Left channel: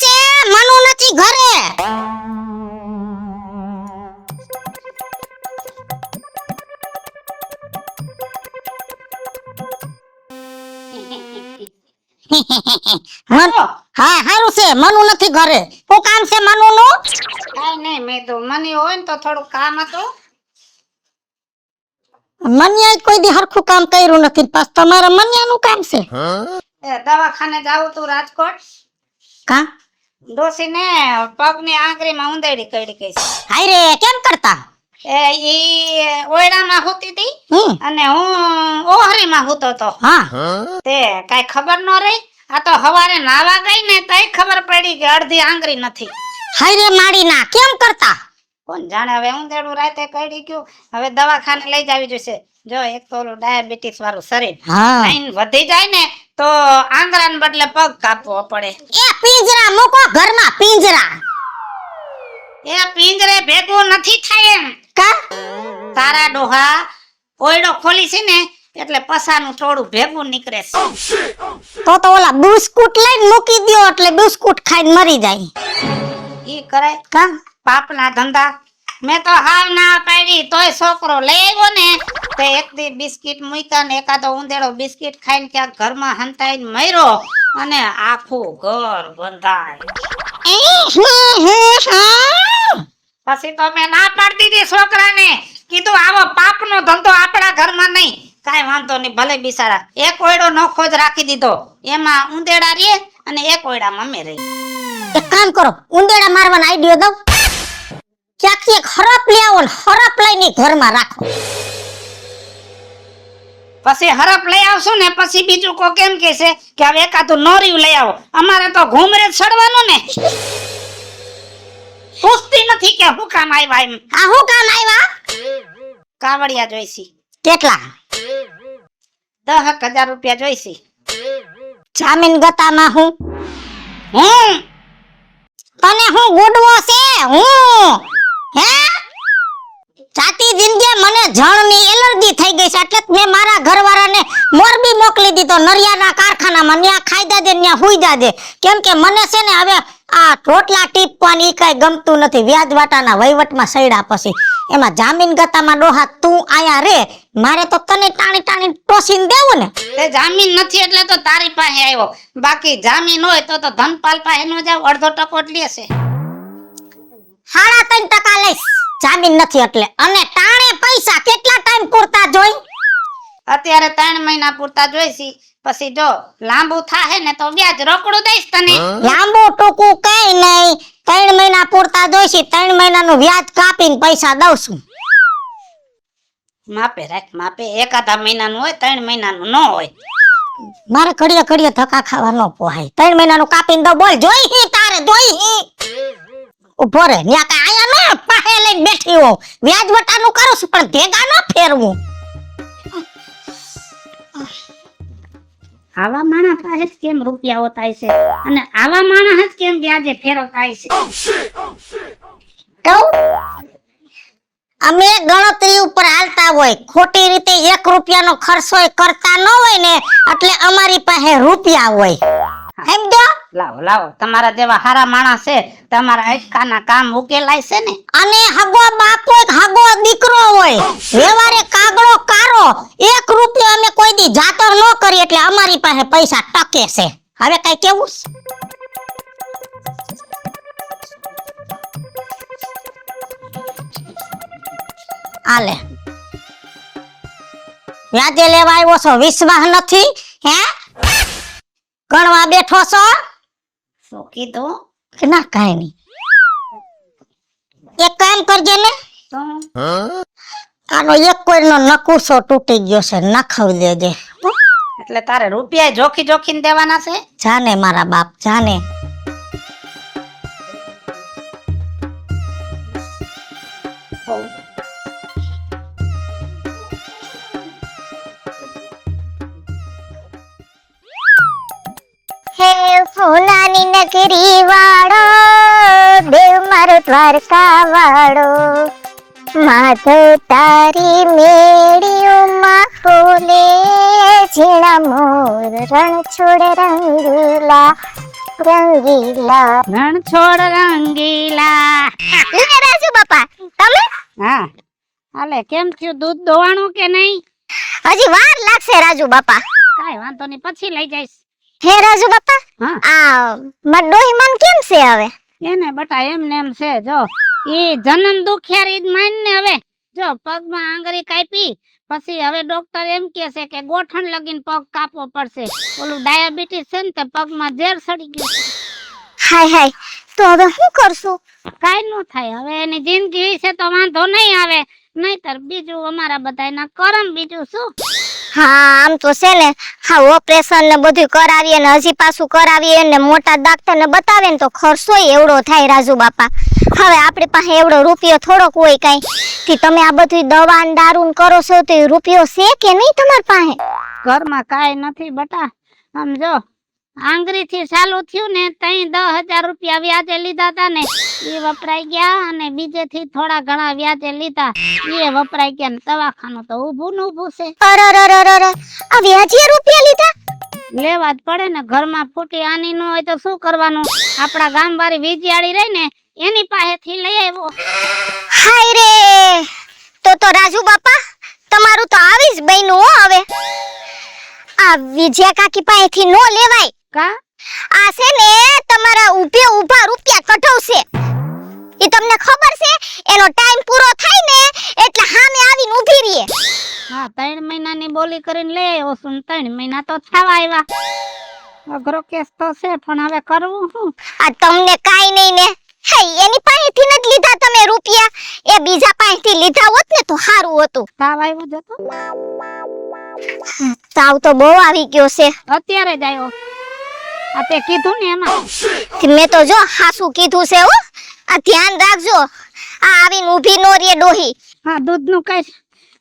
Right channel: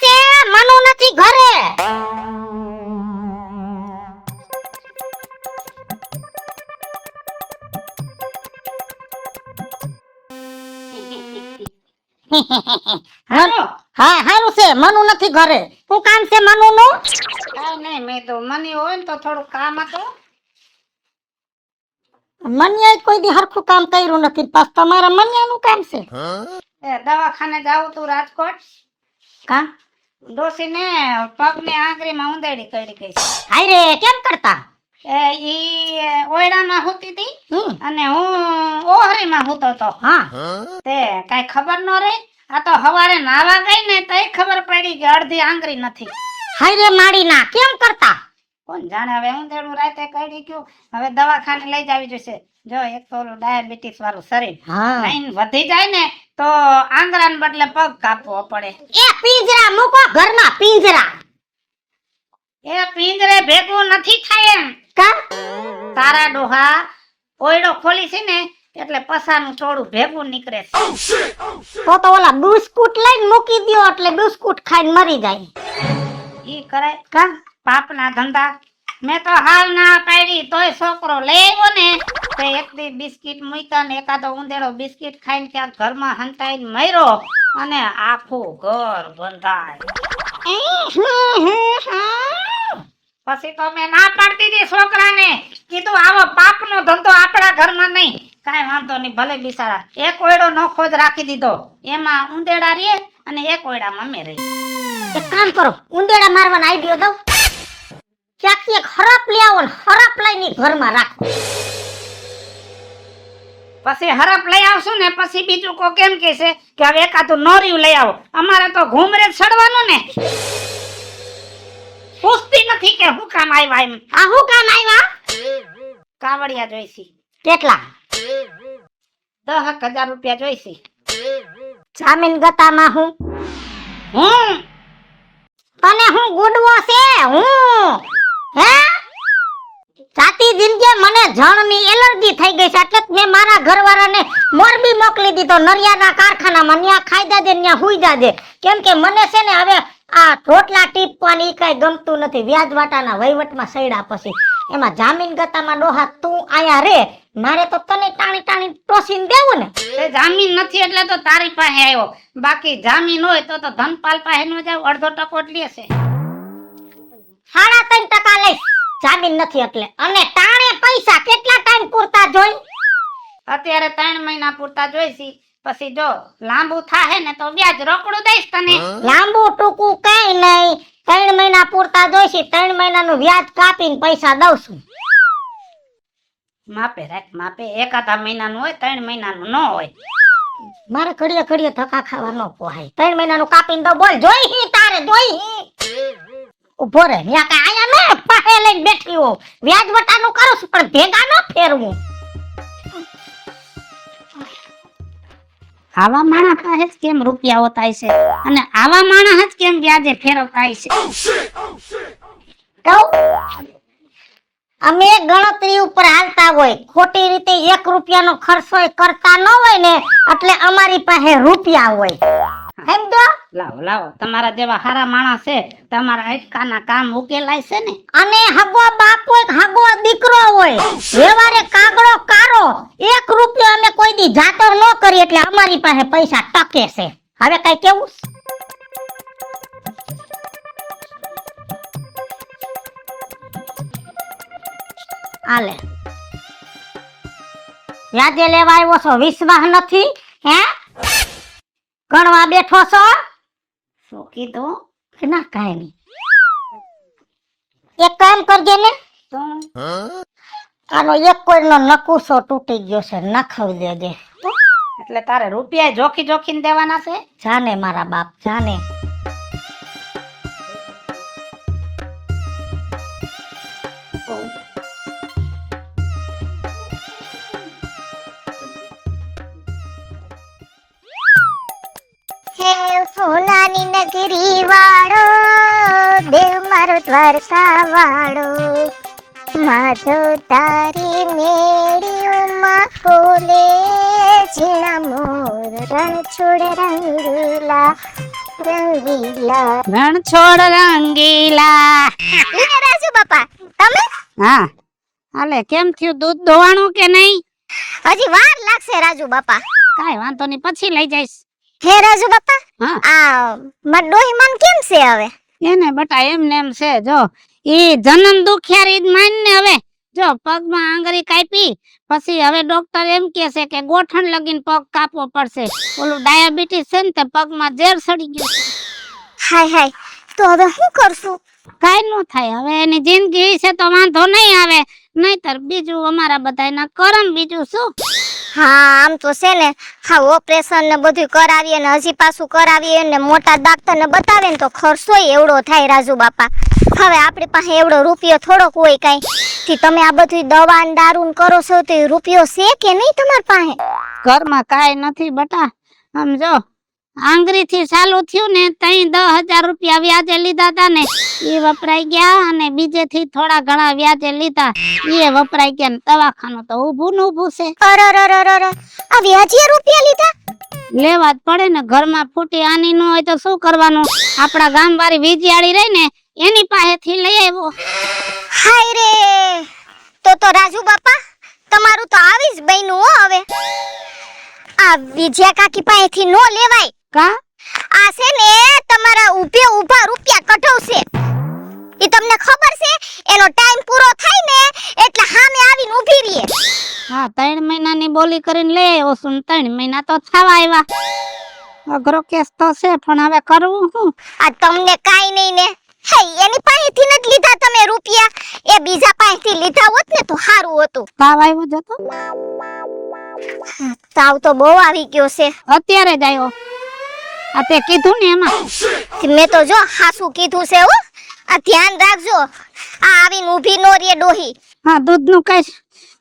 છે? મનુ નથી ઘરે. હાલો હા હારું છે, મનુ નથી ઘરે. શું કામ છે મનુનું? કાઈ નહીં, મેં તો મને હોય ને તો થોડું કામ હતું. મન્યાએ કોઈ દી હરખું કામ કર્યું નથી, પાછ તમારે મન્યાનું કામ છે. એ દવાખાને જાવું તું રાજકોટ. કા ડોસીને પગની આંગળીમાં ઉંદેડી કઈડી ગઈ છે. હાય રે, કેમ કરતા? ઈ ઓયડામાં હોતી હતી અને હું ઓહરીમાં હોતો તો. હા તે કાઈ ખબર ન રહી. આ તો હવારે નાવા ગઈ ને તઈ ખબર પડી કે અડધી આંગળી નથી. હાય રે માડીના, કેમ કરતા? કોણ જાણે, હવે ઉંદેડું રાતે કઈડી ગયું. હવે દવાખાને લઈ જાવી જોઈશે. જો એક તો ઓલું ડાયાબિટીસ વાળું શરીર હા લાઈન વધી જાય ને તો આંગળાને બદલે પગ કાપવો પડે. એ પિંજરા મૂકો ઘરમાં, પિંજરા. એ પિંજરે ભેગું નથી થાય એમ. કા તારા ડોહા ઓયડો ખોલી છે ને એટલે પસાનું થોડું ભેગું નીકળે છે. તો ઓલા બિસ્કુટ લઈને મૂકી દ્યો એટલે બિસ્કુટ ખાઈને મરી જાય. ઈ કરે કા પાપના ધંધા. મેં તો હાલ ના પાડી તોય છોકરો લઈ આવ્યો ને તે એક દી બિસ્કિટ મૂક્યા ને એકાદો ઉંદેડો બિસ્કિટ ખાઈને ક્યાંક ઘરમાં હંતાઈને મર્યો અને આખું ઘર બંધાય. પછી તો મેં ના પાડતી હતી છોકરાને, કીધું આવો પાપનો ધંધો આપણા ઘરમાં નહીં. કાંઈ વાંધો નહીં, ભલે બિસાડા એક ઓયડો નોખો જ રાખી દીધો, એમાં ઉંદેડા રે અને એક ઓયડામાં અમે રહી. એક કામ કરો, ઉંદેડા મારવાનો આઈડિયો દઉં. ક્યાંકથી એક હરપ લઈ આવો ને હરપ લઈને ઘરમાં રાખો. પછી હરપ લઈ આવશું ને પછી બીજું કો કેમ કે છે કે હવે એકાદું નોરિયું લઈ આવો. અમારે તો ઘૂમરે જ ચડવાનું ને. પૂછતી નથી કે હું કામ આવ્યા એમ. આ હું કામ આવ્યા? કાવડિયા જોઈશી. કેટલા? 10,000 રૂપિયા જોઈશી. જામીન ગતામાં હું તને હું ગુડવો છે હું હે? જાતી જિંદગી મને જળની એલર્જી થઈ ગઈ છે એટલે મેં મારા ઘરવાળાને મોરબી મોકલી દીધો, નરિયાના કારખાનામાં. ન્યા ખાઈ જાજે, ન્યા હુઈ જાજે. કેમ કે મને છે ને હવે આ રોટલા ટીપવાની કઈ ગમતું નથી. વ્યાજ વાટાના વહીવટમાં સૈડા પછી એમાં જામીન ગતામાં ડોહા તું આયા રે, મારે તો તને ટાણી ટાણી ટોસીને દેવું ને. તે જામીન નથી એટલે તો તારી પાસે આવ્યો. બાકી જામીન હોય તો ધનપાલ પાસે નો જાવ, અડધો ટકો જ લેશે. 3.5% લઈશ, જામીન નથી એટલે. અને ટાણે પૈસા કેટલા ટાઈમ પૂરતા જોઈ? અત્યારે 3 મહિના પૂરતા જોઈશી. પછી જો લાંબુ થાહે ને તો વ્યાજ રોકડું દઈશ તને. લાંબુ ટૂંકું કઈ નહીં, 3 મહિના પૂરતા જોઈશી. 3 મહિનાનું વ્યાજ કાપીને પૈસા દઉં છું. માપે રાખ, માપે. એકાદા મહિનાનું હોય, 3 મહિનાનું ન હોય. મારે ઘડીએ ઘડીએ ધક્કા ખાવા ન પોહાય. 3 મહિનાનું કાપીને દઉં. બોલ જોઈ હી તારે જોઈ હી? ઉભો રે, ન્યા કઈ આયા ન પાહે લઈને બેઠી હો. વ્યાજ વટાનું કરું છું પણ ભેગા ન ફેરવું. આવા માણસ પાસે જ કેમ રૂપિયા હોતાય છે અને આવા માણસ જ કેમ વ્યાજે ફેરવતાય છે. અમે ગણતરી ઉપર હાલતા હોય, ખોટી રીતે 1 રૂપિયાનો ખર્ચો કરતા ન હોય ને એટલે અમારી પાસે રૂપિયા હોય. સમજો? લાવો લાવો, તમારા જેવા હારા માણસ છે, તમારા અટકાના કામ ઉકેલાય છે ને. અને હગો બાપો એક હગો દીકરો હોય, વ્યવહારે કાગડો કારો. 1 રૂપિયો અમે કોઈ દી જાતો ન કરી એટલે અમારી પાસે પૈસા ટકે છે. હવે કઈ કેવું? આલે વ્યાજે લેવા આવ્યો છો, વિશ્વાસ નથી હે? ગણવા બેઠો છો? શું કીધું? કે ના કાઈ નહીં. એક કામ કરજે ને, તો આનો એક કોઈનો નકુસો તૂટી ગયો છે, નખાવી દેજે. એટલે તારે રૂપિયા જોખી જોખીને દેવાના છે? જાને મારા બાપ જાને. હે ફૂલાની નગરી વાળો, દેવ મારો દ્વારકા વાળો, માધવ તારી મેળીઓમાં ખોલે ઝીણા મોર રણછોડ રંગીલા. રંગીલા રણ છોડ રંગીલા. લે રાજુ બાપા તમે હા હાલે કેમ થયું દૂધ દોવાણું કે નહીં? હજી વાર લાગશે રાજુ બાપા. કાઈ વાંધો નહીં પછી લઈ જઈશ. હે રાજુ બાપા હા આ માર ડોહીમાન કેમ છે હવે? એને બટા એમને એમ છે જો ઈ જન્મ દુખિયારી જ માન ને હવે જો પગમાં આંગળી કાપી પછી હવે ડોક્ટર એમ કહે છે કે ગોઠણ લગીને પગ કાપવો પડશે. ઓલું ડાયાબિટીસ છે ને તે પગમાં ઝેર સડી ગયું છે. હાય હાય તો હવે શું કરશું? કાઈ નો થાય હવે એની જિંદગી છે તો વાંધો નહીં આવે નહીતર બીજું અમારા બધાયના કરમ બીજું શું. હા આમ તો છે ને હા ઓપરેશન ને બધું કરાવીએ ને હજી પાછું કરાવીએ ને મોટા ડોક્ટર ને બતાવે ને તો ખર્ચો એવડો થાય રાજુ બાપા. હવે આપણી પાસે એવડો રૂપિયો થોડોક હોય કાઈ કે તમે આ બધું દવા ને દારૂ ને કરો છો તો એ રૂપિયો છે કે નહીં તમારી પાસે? ઘરમાં કાઈ નથી બટા સમજો આંગળી થી ચાલુ થયું ને તઈ 10,000 રૂપિયા વ્યાજે લીધા તા ને એ વપરાઈ ગયા અને બીજે થી થોડા ઘણા વ્યાજે લીધા એ વપરાઈ ગયા ને દવાખાનું તો ઊભું ને ઊભું છે. અરરરરરર આ વ્યાજે રૂપિયા લીધા? લેવા જ પડે ને ઘરમાં ફૂટી આની ન હોય તો શું કરવાનું? આપણા ગામ વાળી વીજયાળી રહી ને એની પાસેથી લઈ આવ્યો. હાય રે તો રાજુ બાપા તમારું તો આવી જ બન્યું હો હવે. આ વિજયા કાકી પાસેથી નો લેવાય. કા આ છે ને તમારા ઊભા રૂપિયા કઢાવશે. ઈ તમને ખબર છે એનો ટાઈમ પૂરો થાય ને એટલે સામે આવીને ઊભી રહે. હા 3 મહિનાની બોલી કરીને લઈ આવ્યો છું ને 3 મહિના તો થવા આવ્યા. અઘરો કેસ તો છે પણ હવે કરવું શું? આ તમને કાઈ નહીં ને હે એની પાસેથી ન જ લીધા તમે રૂપિયા એ બીજા પાસેથી લીધા હોત ને તો સારું હતું. તાવ આવ્યો જતો તાવ તો બહુ આવી ગયો છે. અત્યારે જ આવ્યો. આ તે કીધું ને એમાં મેં તો જો હાસુ કીધું છે હો. આ ધ્યાન રાખજો આ આવીને ઊભી નો રે ડોહી. હા દૂધનું કઈ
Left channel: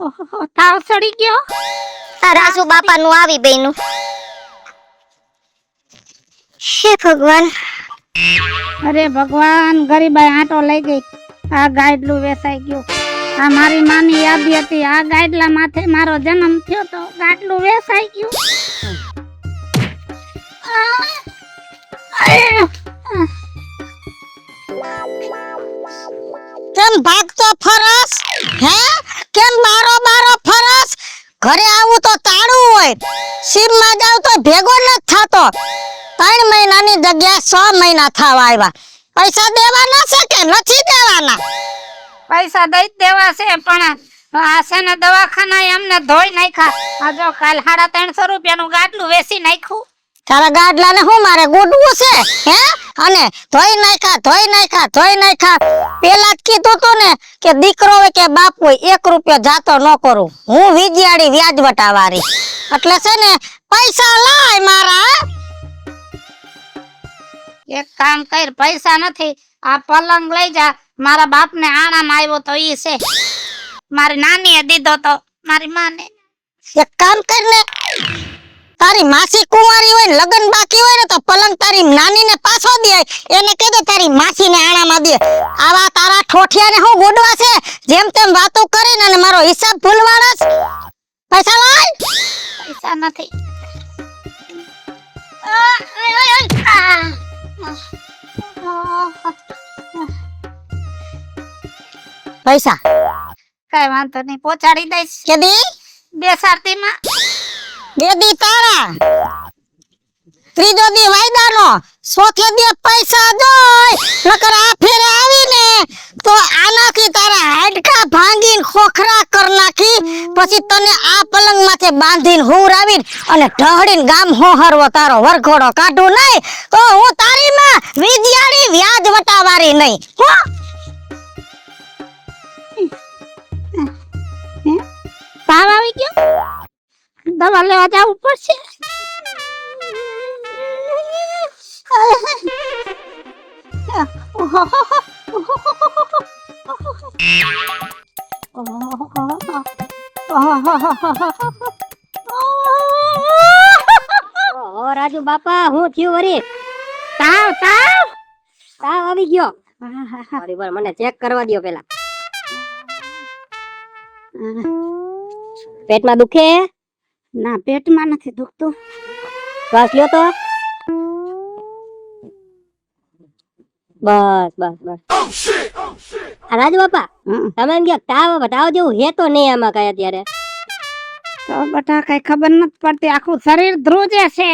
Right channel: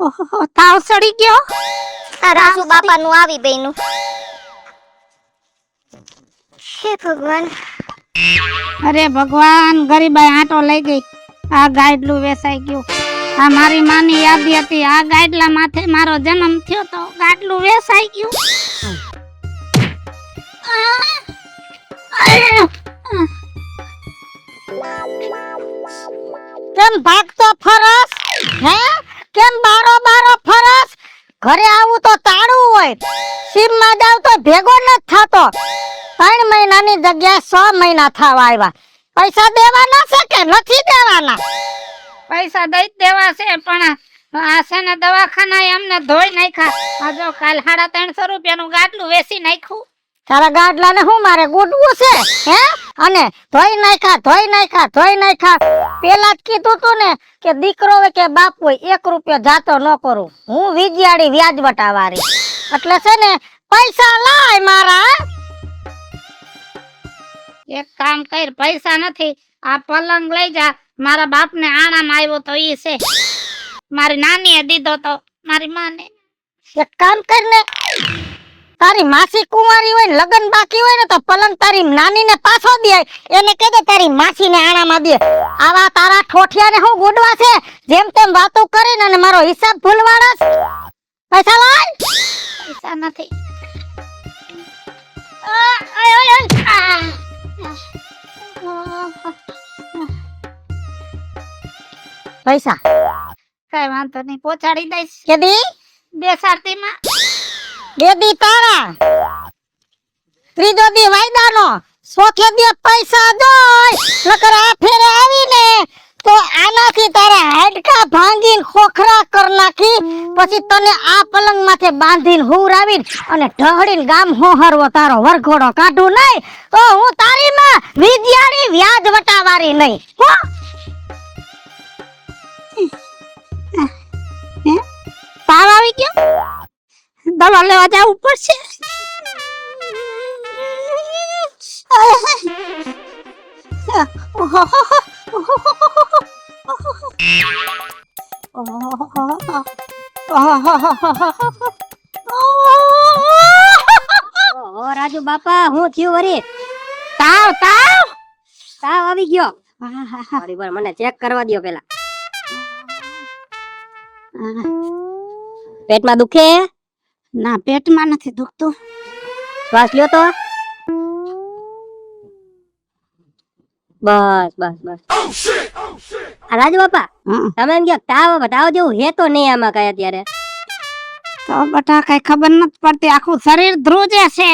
ઓહો તાવ સડી ગયો. આ રાજુ બાપાનું આવી બેનું. હે ભગવાન. અરે ભગવાન ગરીબાઈ આટો લઈ ગઈ. આ ગાડલું વેસાઈ ગયું. આ મારી માની યાદી હતી. આ ગાડલા માથે મારો જન્મ થયો તો ગાડલું વેસાઈ ગયું. કેમ ભાગતો ફરસ? હે કેમ બારો ફરસ? ઘરે આવું તો તાળું હોય, સીમમાં જાવ તો ભેગો ન થતો. 3 મહિનાની જગ્યા 6 મહિના થવા આવ્યા. પૈસા દેવાના છે કે નથી દેવાના? પૈસા દઈ જ દેવા છે પણ આ છે ને દવાખાના અમને ધોઈ નાખ્યા. આ જો કાલ 350 રૂપિયાનું ગાડલું વેસી નાખ્યું. તારા ગાડલાને હું મારે ગુડવું છે? હે અને ધોઈ નાખ્યા. પેલા જ કીધું તું ને કે દીકરો હોય કે બાપ હોય 1 રૂપિયો જાતો ન કરું. હું વિજયાડી વ્યાજ વટાવારી એટલે છે ને પૈસા લાય મારા. એક કામ કર પૈસા નથી આ પલંગ લઈ જા. મારા બાપને આણામાં આવ્યો તો ઈ છે. મારી નાનીએ દીધો તો મારી માને. એક કામ કર ને તારી માસી કુંવારી હોય ને લગન બાકી હોય ને તો પલંગ તારી નાનીને પાછો દે. એને કહેજો તારી માસીને આણામાં દે. આવા તારા ઠોઠિયાને હું ગોડવા છે જેમ તેમ વાતો કરીને અને મારો હિસાબ ભૂલવાના છે. પૈસા લાય. પૈસા નથી. પૈસા કઈ વાંધો નહીં પહોંચાડી દઈશ. કેદી બેસાડતીમાં દેદી તારા ત્રીજો દી વાયદાનો ચોથે દી પૈસા દોય નકર આ ફેરે આવીને તો આનાથી તારા હાડકા ભાંગીને ખોખરા કર નાખી પછી તને આ પલંગ માથે બાંધીને હુરાવીને અને ઢહડીને ગામ હોહરવો તારો વરઘોડો કાઢું નહીં તો હું તારી માં વિજયાડી વ્યાજ વટાવારી નહીં. તાવ આવી ગયો. દવા લેવા જવું પડશે. ઓ રાજુ બાપા હું થયું વરી? તાવ આવી ગયો. થોડી વાર મને ચેક કરવા દયો પેલા. પેટમાં દુખે? ના પેટમાં નથી દુખતું. શ્વાસ લ્યો તો. બસ બસ બસ આ રાજુ બાપા તમે એમ કે તાવ જેવું હે તો નહીં આમાં કઈ અત્યારે. તો બટા કઈ ખબર નથી પડતી, આખું શરીર ધ્રુજે છે.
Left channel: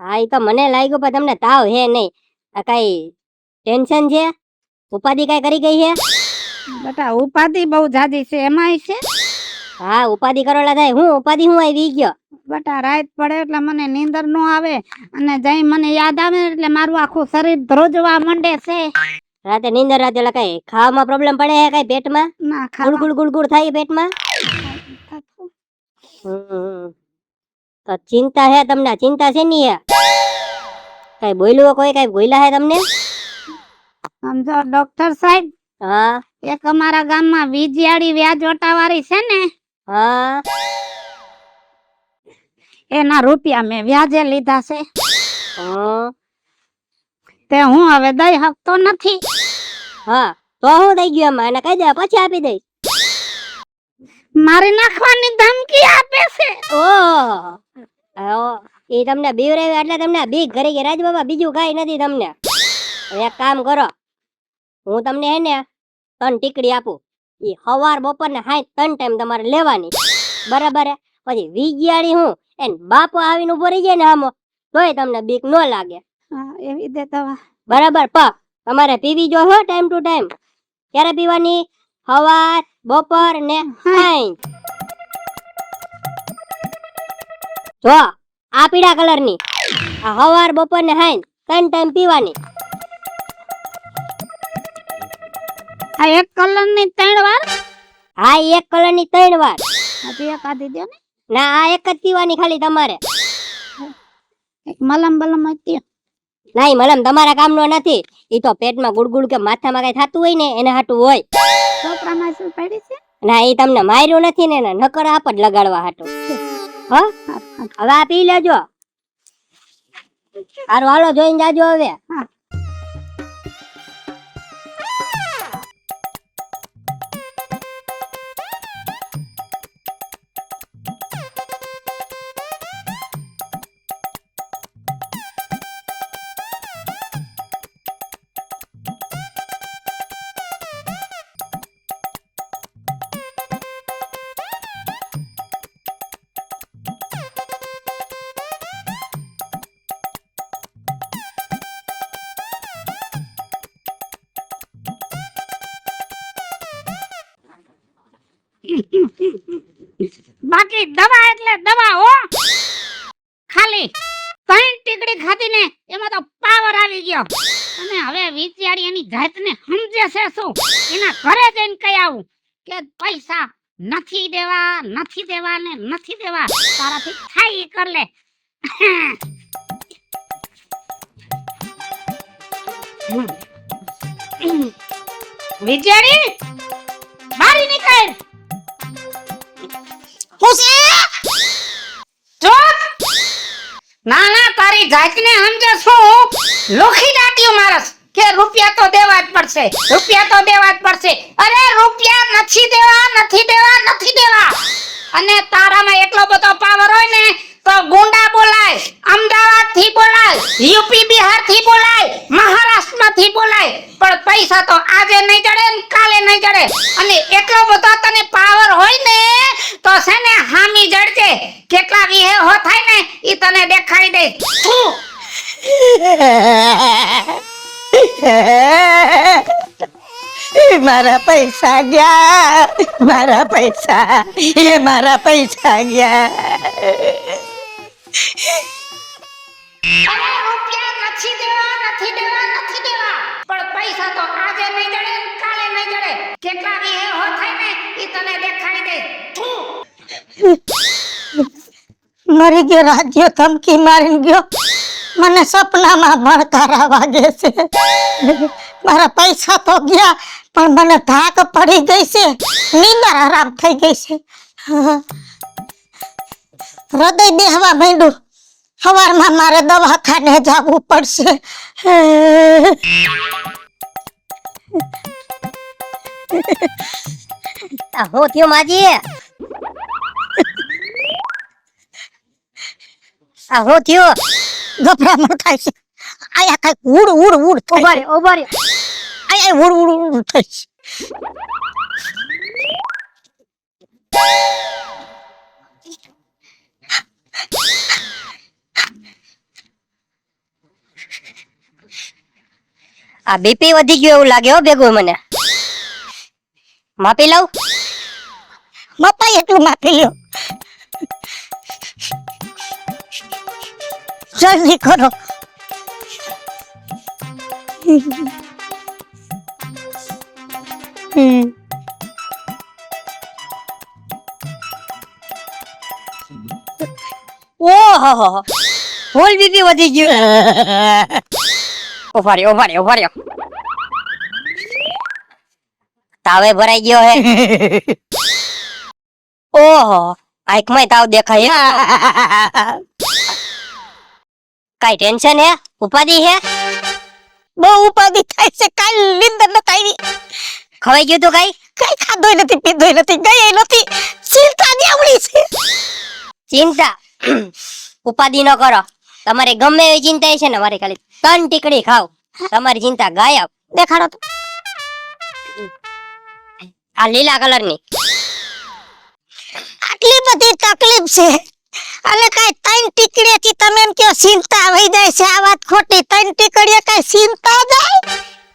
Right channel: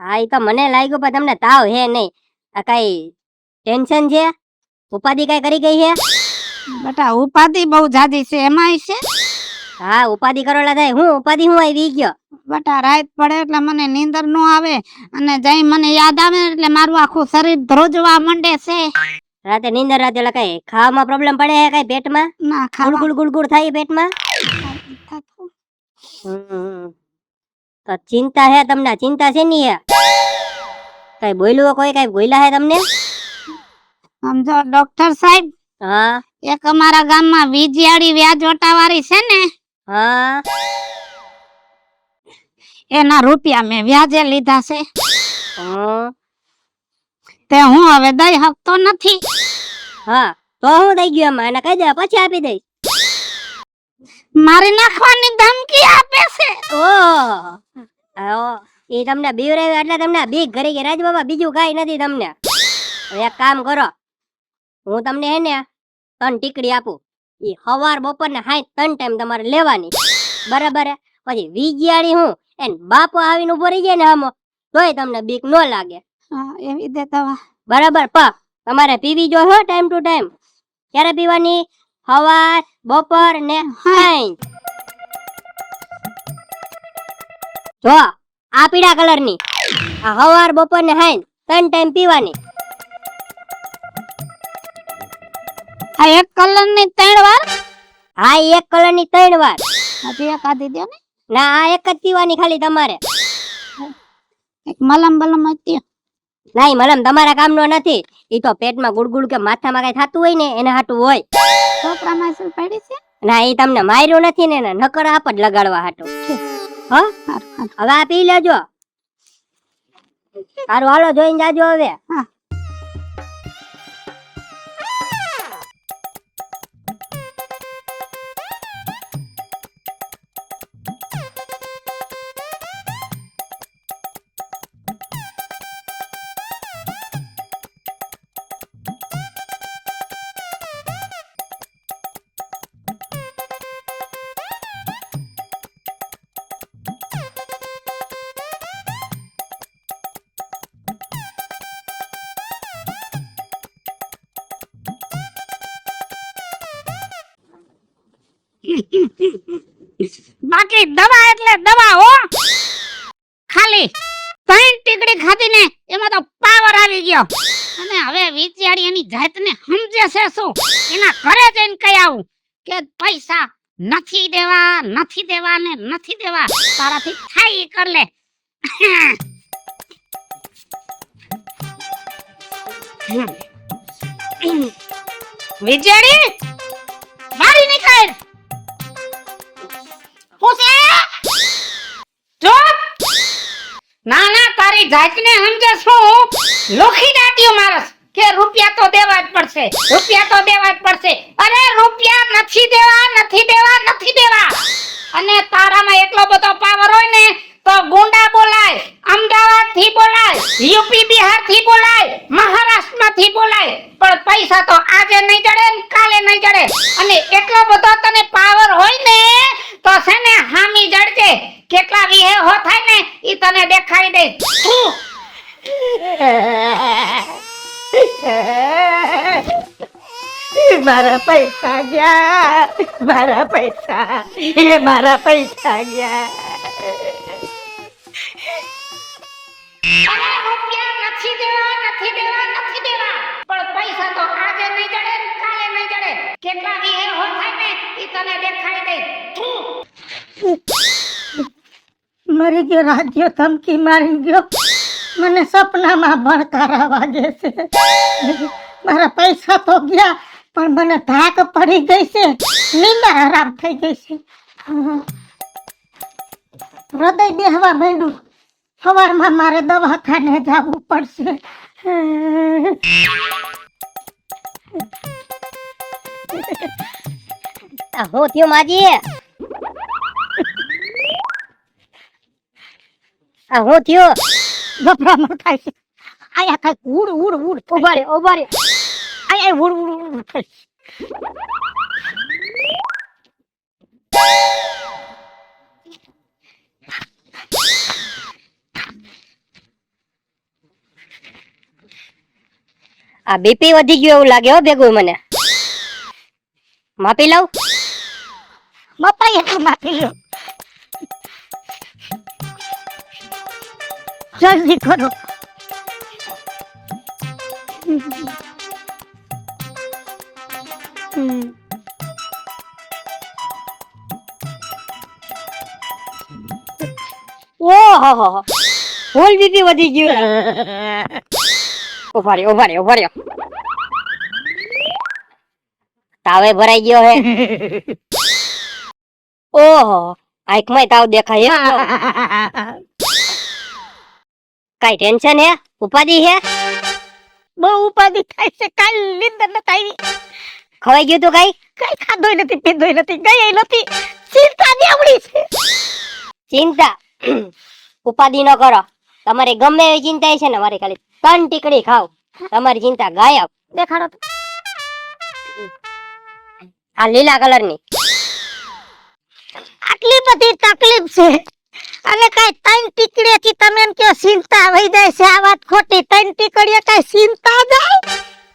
હા ઈ તો મને લાગ્યું પણ તમને તાવ હે નહીં. આ કઈ ટેન્શન છે, ઉપાધિ કઈ કરી ગઈ છે? બટા ઉપાધિ બહુ જાદી છે, એમાંય છે. હા ઉપાધિ કરોલા થાય. હું ઉપાધિ હું આવી ગયો. બટા રાત પડે એટલે મને નીંદર નો આવે, અને જઈ મને યાદ આવે એટલે મારું આખું શરીર ધ્રુજવા માંડે છે. રાતે નીંદર રાતે એટલે કઈ ખાવામાં પ્રોબ્લેમ પડે છે કઈ પેટમાં? ના ગુડગુડ ગુડગુડ થાય પેટમાં? તો ચિંતા હે તમને? ચિંતા છે ની હે? કઈ બોલ્યું કોઈ? કઈ બોલ્યા હે તમને? સમજો ડોક્ટર સાહેબ, હા એક અમારા ગામમાં વીજયાળી વ્યાજોટા વાળી છે ને, હા એના રૂપિયા મેં વ્યાજે લીધા છે. હા તે હું હવે દઈ શકતો નથી. હા તો હું થઈ ગયું એમાં? એને કહી દે પછી આપી દઈશ. મારી નાખવાની ધમકી આપે છે. ઓહ એ તમને બીવરાવ્યું એટલે તમને બીક ઘરી ગઈ. રાજ બાબા બીજું કઈ નથી તમને. એક કામ કરો, હું તમને હે ને 3 ટીકડી આપું. ઈ સવાર બપોર ને 3 ટાઈમ તમારે લેવાની, બરાબર? પછી વીજયાળી હું એન બાપો આવીને ઉભો રહી જાય ને આમો, તોય તમને બીક ન લાગે, એવી દે દવા. બરાબર? તમારે પીવી જો હો ટાઈમ ટુ ટાઈમ. ક્યારે પીવાની? સવાર બપોર ને સાંજ. જો આ પીળા કલરની, આ સવાર બપોર ને સાંજ 3 ટાઈમ પીવાની. આ એક કલર ની 3 વાર? હા ઈ એક કલરની 3 વાર. હજી એક આધી દે ને. ના આ એક જ પીવાની ખાલી તમારે. એક મલમ બલમ હતી. નહીં મલમ તમારા કામનો નથી. ઈ તો પેટમાં ગુડગુડ કે માથામાં કઈ થતું હોય ને એને હાટું હોય. છોકરામાં શું પડી છે? ના ઈ તમને માર્યું નથી ને એને નકર આપ જ લગાડવા હાટું. હા હવે આ પી લેજો. હારું હાલો જોઈને જાજો હવે. બાકી દવા એટલે દવા હો. ખાલી 3 ટીકડી ખાધી ને એમાં તો પાવર આવી ગયો. અને હવે વિચારી એની જાતને સમજે છે શું? એના ઘરે જઈને કહી આવું કે પૈસા નથી દેવા ને નથી દેવા, તારાથી થાય ઈ કર લે. વિચારી બારી નીકળ. ના ના તારી જાતને સમજે શું? લોખી દાટ્યું મારસ કે રૂપિયા તો દેવા જ પડશે, રૂપિયા તો દેવા જ પડશે. અરે રૂપિયા નથી દેવા. અને તારામાં એટલો બધો પાવર હોય ને તો ગુંડા બોલાય, અમદાવાદ થી બોલાય, યુપી બિહાર થી બોલાય, મહારાષ્ટ્ર થી બોલાય, પણ પૈસા તો આજે નહીં જડે ને કાલે નહીં જડે. અને એટલો બધો તને પાવર હોય ને તો છે ને હામી જડજે. કેટલા વિહે હો થાય ને ઈ તને દેખાડી દઈશ. મારા પૈસા ગયા, મારા પૈસા ગયા. રૂપિયા નથી દેવા, પણ પૈસા તો આજે નહીં જડે ને કાલે નહીં જડે. કેટલા વિહે હો થાય ને ઈ તને દેખાડી દઈશ. મરી ગયો રાજ્ય, ધમકી મારી ગયો. મને સપનામાં ભણકારા વાગે છે. મારા પૈસા તો ગયા પણ મને ધાક પડી ગઈ છે, નીંદર આરામ થઈ ગઈ છે. હૃદય બેહવા માંડ્યું. સવારમાં મારે દવાખાને જવું પડશે. હું થયું માજી? હું થયું? ગભરામણ થાય છે. આયા કઈ ઉડ ઉભા રહ્યો એ ઉડ ઉડ ઉડ થઈ. આ બીપી વધી ગયું એવું લાગે હો ભેગું મને. માપી લઉં? મપાઈ એટલું માપી લ્યો. જલ્દી કરો. ઓહો ફૂલ બીપી વધી ગયું. ઉભા રહ્યો. તાવે ભરાઈ ગયો હે. ઓહો આંખમાં તાવ દેખાય હે. કઈ ટેન્શન હે? ઉપાધિ હે? બહુ ઉપાધિ થાય છે. કાલ નીંદર નથી આવી. ખવાઈ ગયું તું કઈ? કઈ ખાધોય નથી, પીધોય નથી, ગઈ નથી. ચિંતા જેવડી છે. ચિંતા ઉપાધિ ન કરો. તમારે ગમે એવી ચિંતા છે ને, મારે ખાલી 3 ટીકડી ખાવ, તમારી ચિંતા ગાયબ. દેખાડો તો. આ લીલા કલરની. આટલી બધી તકલીફ છે અને કઈ 3 ટીકડીથી તમે એમ કહો ચિંતા વહી જાય છે? આ વાત ખોટી. 3 ટીકડીએ કઈ ચિંતા જાય?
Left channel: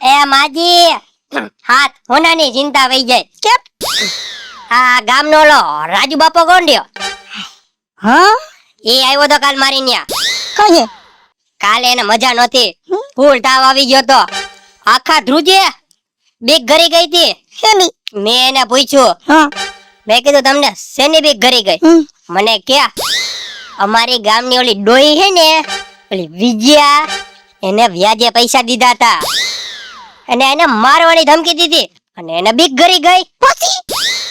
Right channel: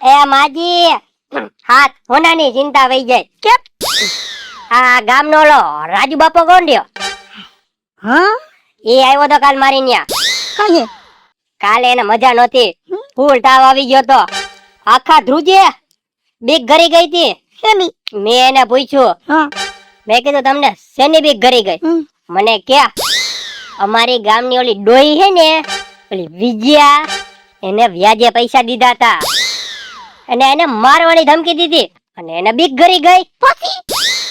એ માજી હાથ હોનાની ચિંતા વહી જાય. કેમ? આ ગામનો ઓલો રાજુ બાપો કોણ રહ્યો? હા એ આવ્યો તો કાલ મારી ન્યા. કહીએ કાલે એને મજા નહોતી, ફૂલ તાવ આવી ગયો તો. આખા ધ્રુજે બીક ઘરી ગઈ હતી. શેની? મેં એને પૂછ્યું, હા મેં કીધું તમને શેની બીક ઘરી ગઈ? મને કે અમારી ગામની ઓલી ડોઈ હે ને, ઓલી વિજયા, એને વ્યાજે પૈસા દીધા હતા અને એને મારવાની ધમકી દીધી અને એને બીક ઘરી ગઈ.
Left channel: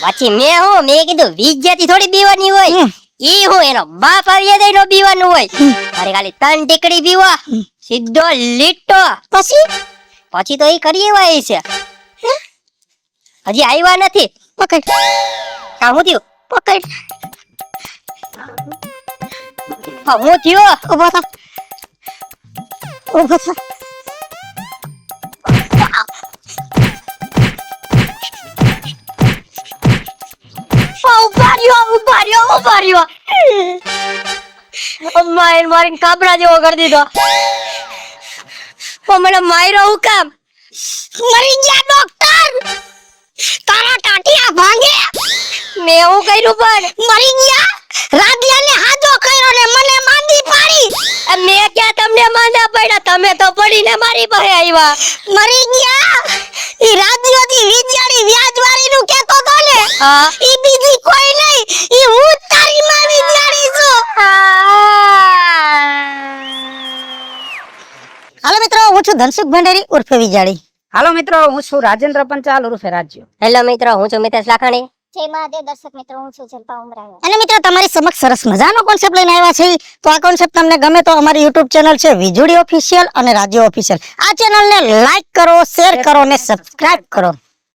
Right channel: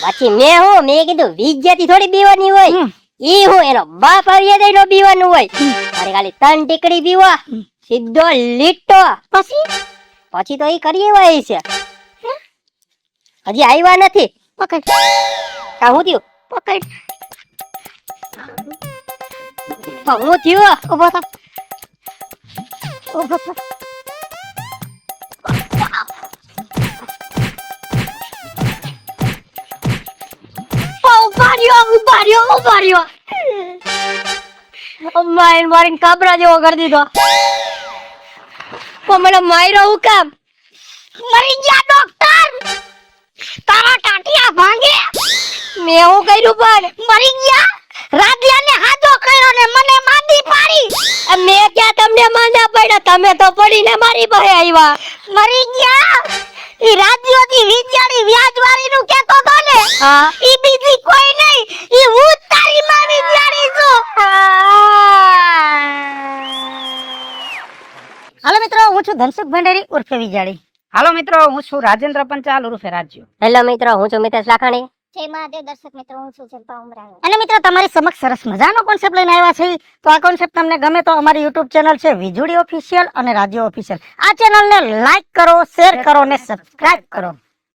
પછી મેં કીધું વિજયાથી થોડી બીવાની હોય, ઈ હું એનો બાપ આવ્યા તો એનો બીવાનું હોય. મારે ખાલી 3 ટીકડી પીવા, સીધો લીટો. પછી તો એ કરી એવા છે, હજી આવ્યા નથી. પકડ કા હું થયું? પકડ. હા, હું થયો. ઉભો થા. ઉભો થા. ઉભા રહ્યો. મારીને કાબરા જેવો કરી દીધો. પણ મને માર્યો હું કામ? મરી ગયા ડોક્ટર. તારા ટાટિયા ભાંગે. મેં એવું કર્યું પણ મરી ગયા. રાધ્યાને હાજો કર્યો ને મને માંદી પાડી. મેં ક્યાં તમને માંદા પડ્યા? તમે તો પડીને મારી પાસે આવ્યા. મરી ગયા. ઈ રાધ્યોથી વિચારી વ્યાજવાળી નું કેતો તો ને, હા. ઈ બીજી કોઈ નહીં, ઈ હું જ તારી માં વિચારી છું. હાલો મિત્રો, હું છું ધનસુખ ભંડારી ઉર્ફે વિજાડી. હાલો મિત્રો, હું છું રાજેન્દ્ર પંચાલ ઉર્ફે રાજ્યો. હેલો મિત્રો, હું છું મિતેશ લાખાણી. જય મહાદેવ દર્શક મિત્રો, હું છું જલ્પા ઉમરાણી. અને મિત્રો તમારી સમક્ષ સરસ મજાનો કોન્સેપ્ટ લઈને આવ્યા છે. તો આ કોન્સેપ્ટ તમને ગમે તો અમારી YouTube ચેનલ છે વિજુડી ઓફિશિયલ અને રાજ્ય ઓફિશિયલ. આ ચેનલને લાઈક કરો, શેર કરો અને સબસ્ક્રાઇબ કરો.